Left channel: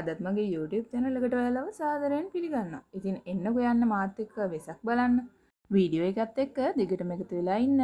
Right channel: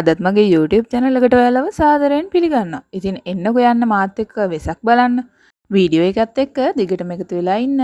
අදත් මගේ YouTube channel එකට ඔයාලව සාදරයෙන් පිළිගන්නවා. ඉතින් එන්නකෝ යන්න මාත් එක්ක වෙසක් බලන්න. වීඩියෝ එකත් එක්ක දිගටම එකතු වෙලා ඉන්න.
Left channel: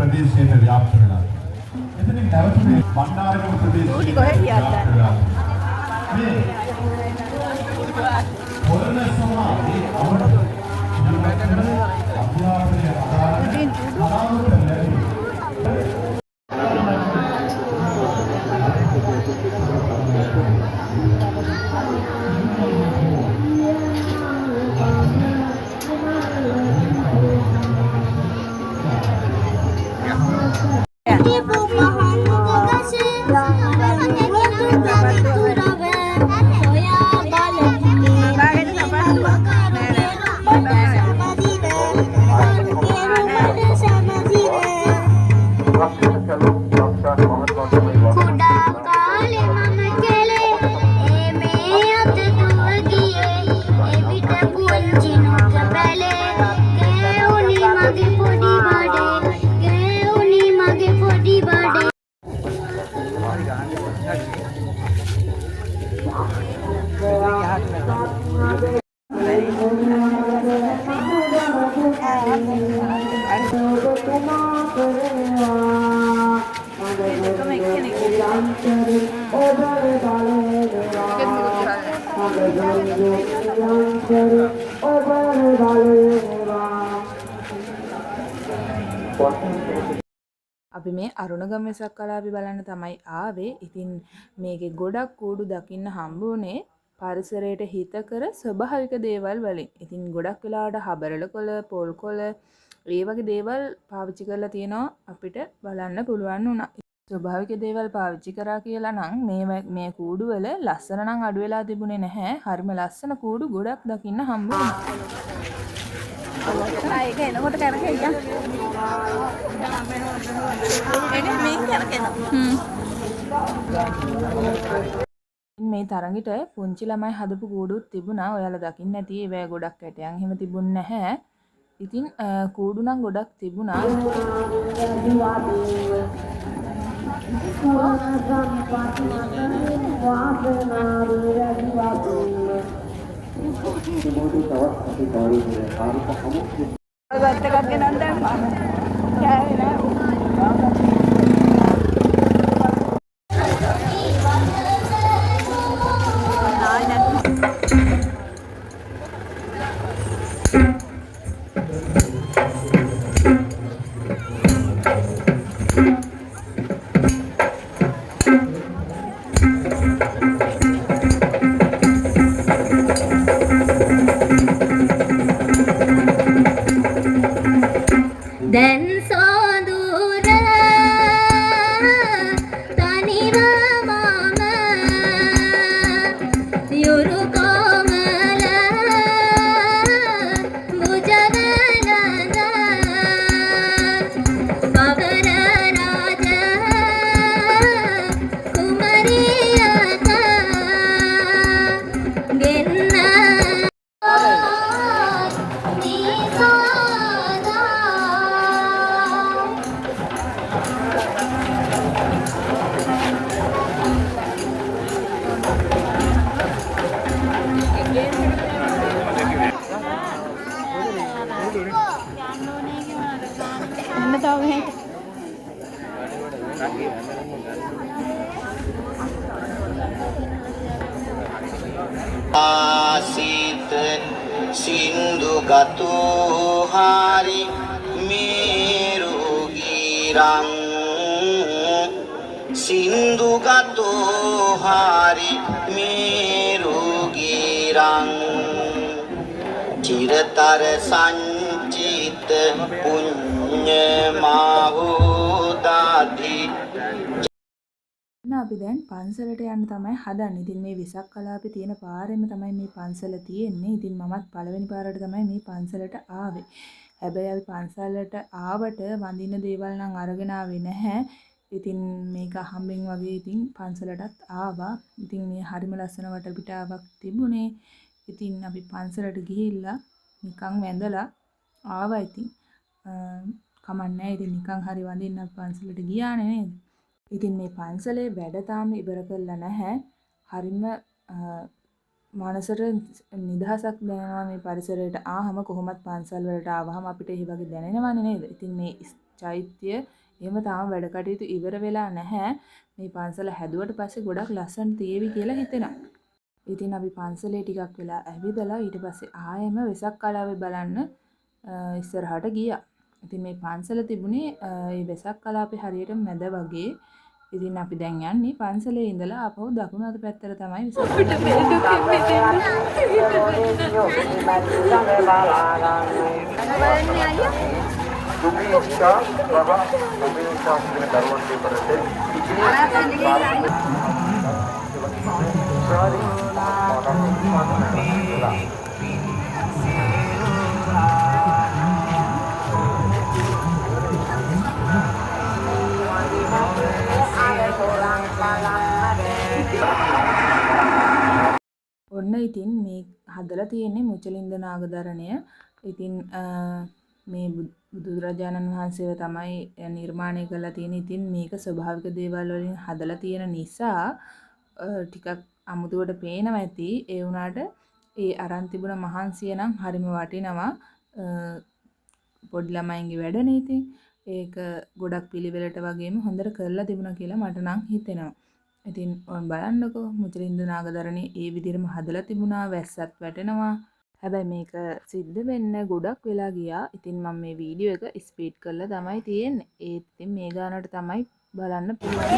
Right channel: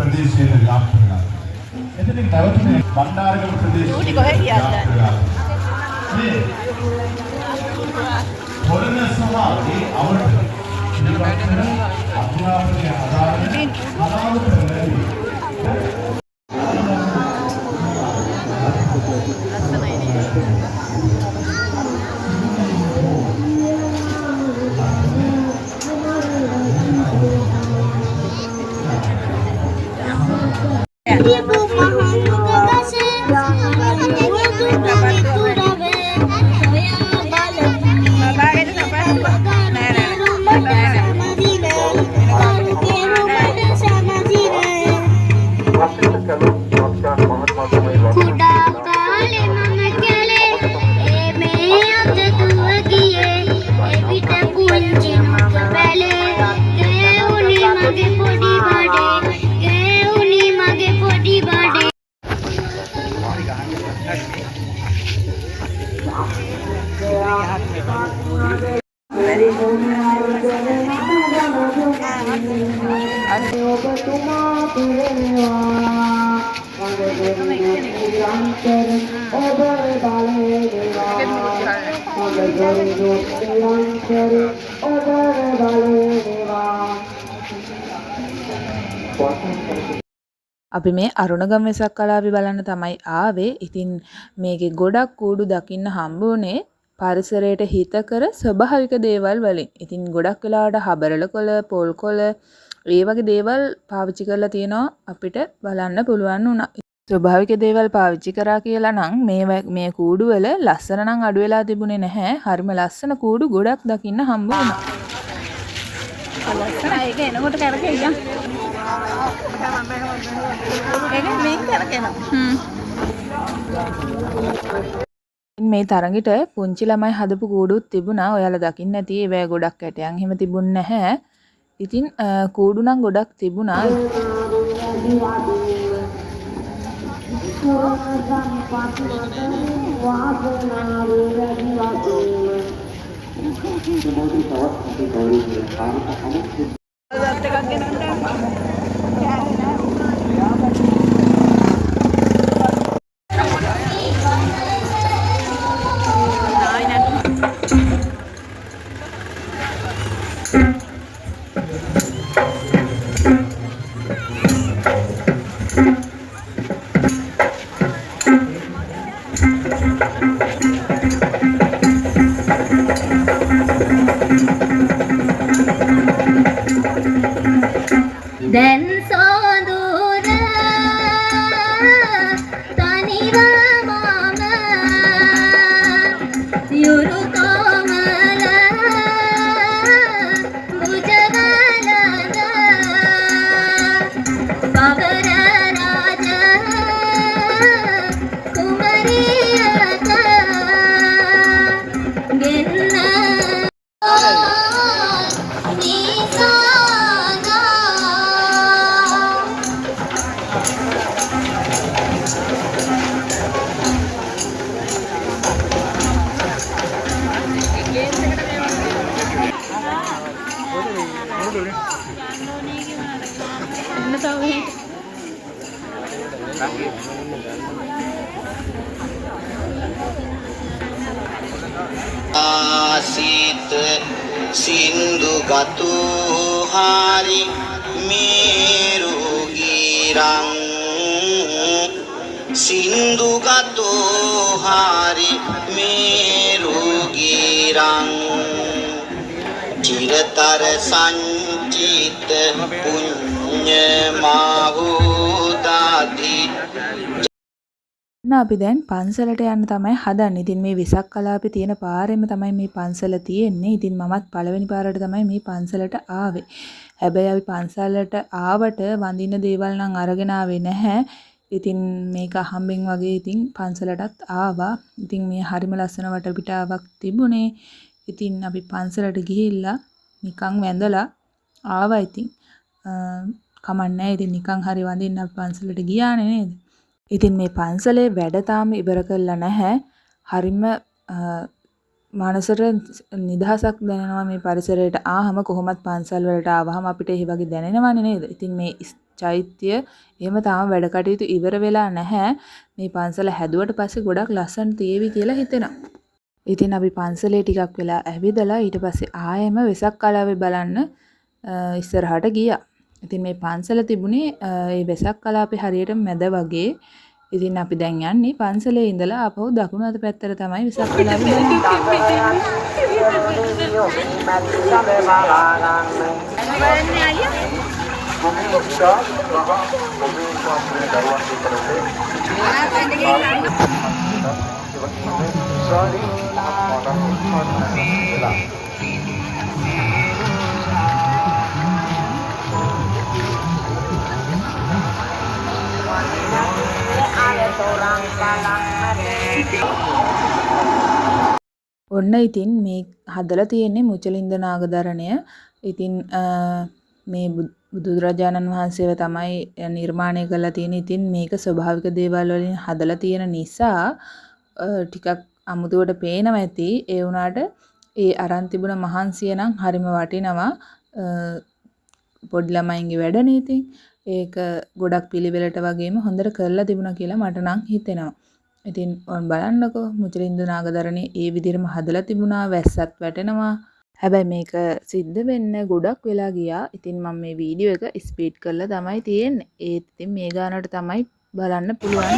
ප්‍රදේශයේ ව්‍යාප්ත වෙලා. එතනින් නැවතුනේ බණ්ඩාරගම ප්‍රදේශයේ. මේ හොරණ සමාජයේ අවුරුදු නිර්මාණය අභිනාවගේ අපි මේ අරුණගම වෙසක් කලාපි බලන්න තමයි ආවේ. ඉතින් මේකේ ගොඩක් කූඩු දකින්න හම්බුනේ පරිසරයට හිතකර ස්වභාවික දේවල් වලින්. ඉතින් ගොඩක් වෙලාවට හබරල කොළ, පොල් කොළ ඒ වගේ දේවල් පාවිච්චි කරලා තියෙනවා අපිට බලන්න පුළුවන් වුණා. ස්වභාවික දේවල් පාවිච්චි කරා කියලා නම් මේ කූඩු වල ලස්සන නම් අඩු වෙලා තිබුණේ නැහැ. හරිම ලස්සන කූඩු ගොඩක් දකින්න හම්බ වුණා. ලස්සනයි ඒක එනකොට කරකෙයියා. මේ තරඟෙට පුංචි ළමයි හදපු කූඩුත් තිබුණා. ඔයාලා දකින්න ඇති ඒවැ ගොඩක් ඇටයන් එහෙම තිබුණ නැහැ. ඉතින් කූඩු නම් ගොඩක් තිබුණා. Then Sodura Taniva Mama Yurukomala Bujavalada Pavara Raja Kumariyata Genna ආසිත සින්දු ගතු හාරි මේරු ගිරං සින්දු ගතු හාරි මේරු ගිරං චිරතර සංචිත පුඤ්ඤ මාහෝදාති අපි දැන් පන්සලට යන්න තමයි හදන්නේ. ඉතින් මේ වෙසක් කලාපේ තියෙන පාරෙම තමයි මේ පන්සල තියෙන්නේ. ඉතින් මමත් පළවෙනි පාරට තමයි මේ පන්සලට ආවේ. හැබැයි අපි පන්සලට ආවට වඳින්න දේවල් නම් අරගෙන ආවේ නැහැ. ඉතින් මේක අහම්බෙන් වගේ ඉතින් පන්සලටත් ආවා. ඉතින් මේ හරිම ලස්සන වටපිටාවක් තිබුණේ. ඉතින් අපි පන්සලට ගිහිල්ලා නිකන් වැඳලා ආවා. ඉතින් කමන්නේ. ඉතින් නිකන් හරි වඳින්න අපි පන්සලට ගියානේ නේද? ඉතින් මේ පන්සලේ වැඩ තාම ඉවර කරලා නැහැ. හරිම මනසට නිදහසක් දැනෙනවා මේ පරිසරයට ආවම. කොහොමත් පන්සල් වලට ආවහම අපිට ඒ වගේ දැනෙනවනේ නේද? ඉතින් මේ චෛත්‍ය එහෙම තාම වැඩ කටයුතු ඉවර වෙලා නැහැ. මේ පන්සල හැදුවට පස්සේ ගොඩක් ලස්සන තියේවි කියලා හිතෙනවා. ඉතින් අපි පන්සලේ ටිකක් වෙලා ඇවිදලා ඊට පස්සේ ආයෙම වෙසක් කලාවේ බලන්න ඉස්සරහට ගියා. ඉතින් මේ පන්සල තිබුණේ ඒ වෙසක් කලාපේ හරියට මැද වගේ. ඉතින් අපි දැන් යන්නේ පන්සලේ ඉඳලා ආපහු දකුණු අත පැත්තට තමයි වෙසක් කලාපේ. ඔන්න ඉතින් මේ හදලා තියෙන්නේ මුචලින්ද නාගදරණය. ඉතින් මේ බුදුරජාණන් වහන්සේව තමයි නිර්මාණය කරලා තියෙන්නේ. ඉතින් මේක ස්වභාවික දේවල් වලින් හදලා තියෙන නිසා ටිකක් අමුතුවට පේනවා ඇති. ඒ වුණාට ඒ අරන් තිබුණ මහන්සිය නම් හරිම වටිනවා. පොඩි ළමයින්ගේ වැඩනේ ඉතින්. ඒක ගොඩක් පිළිවෙලට වගේම හොඳට කරලා තිබුණා කියලා මට නම් හිතෙනවා. ඉතින් ඔන්න බලන්නකෝ මුචලින්ද නාගදරණේ ඒ විදිහටම හදලා තිබුණා. වැස්සත් වැටෙනවා. හැබැයි මේක සිද්ධ වෙන්න ගොඩක් වෙලා ගියා. ඉතින් මම මේ වීඩියෝ එක ස්පීඩ් කරලා තමයි තියෙන්නේ. ඒත් ඉතින් මේ ගානට තමයි බලන්න පුළුවන්.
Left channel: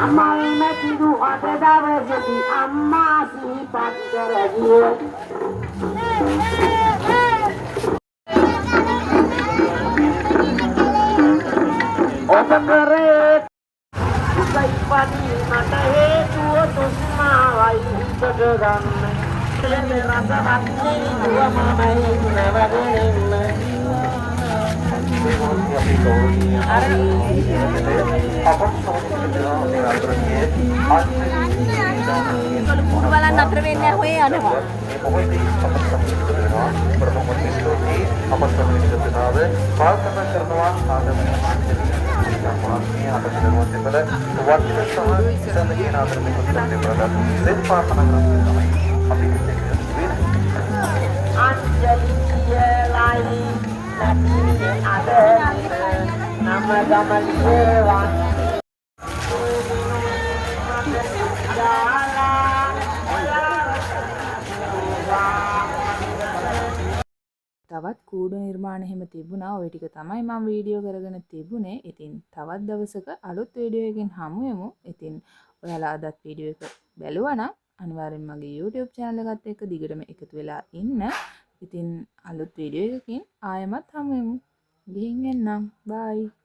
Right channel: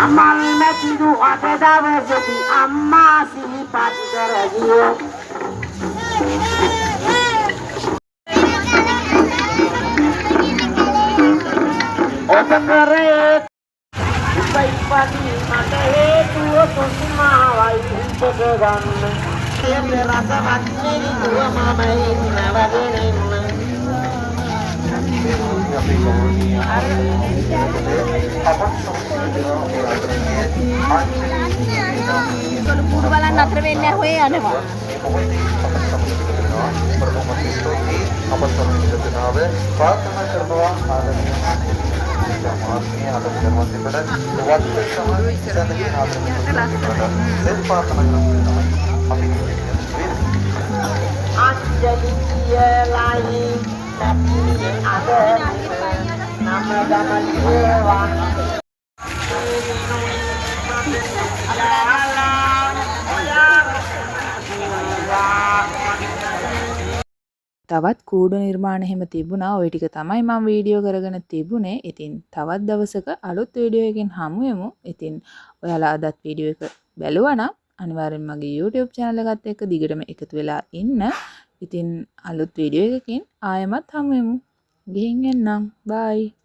අමල් මැතිදු අද දවසේදී අම්මා සිහිපත් කරගියේ ඔබ කරේ ඉපදී මට හේතුව කුමාවයි උපදවන්නේ එන්නේ රසවත් නිරුව මමයි නරදෙන්නේ කුරු බලන්න අතර වෙන්නේ හොය යනවා. තවත් කූඩු නිර්මාණ එහෙම තිබුණා. ওই ටික තමයි මම වීඩියෝ කරගෙන තිබුණේ. ඉතින් තවත් දවසක අලුත් වීඩියෝ එකකින් හමු වෙමු. ඉතින් ඔයාලා අදත් වීඩියෝ එක බැලුවා නම් අනිවාර්යෙන් මගේ YouTube channel එකත් එක්ක දිගටම එකතු වෙලා ඉන්න. ඉතින් අලුත් වීඩියෝ එකකින් ආයෙමත් හමු වෙමු. ගිහින් එන්නම්. bye.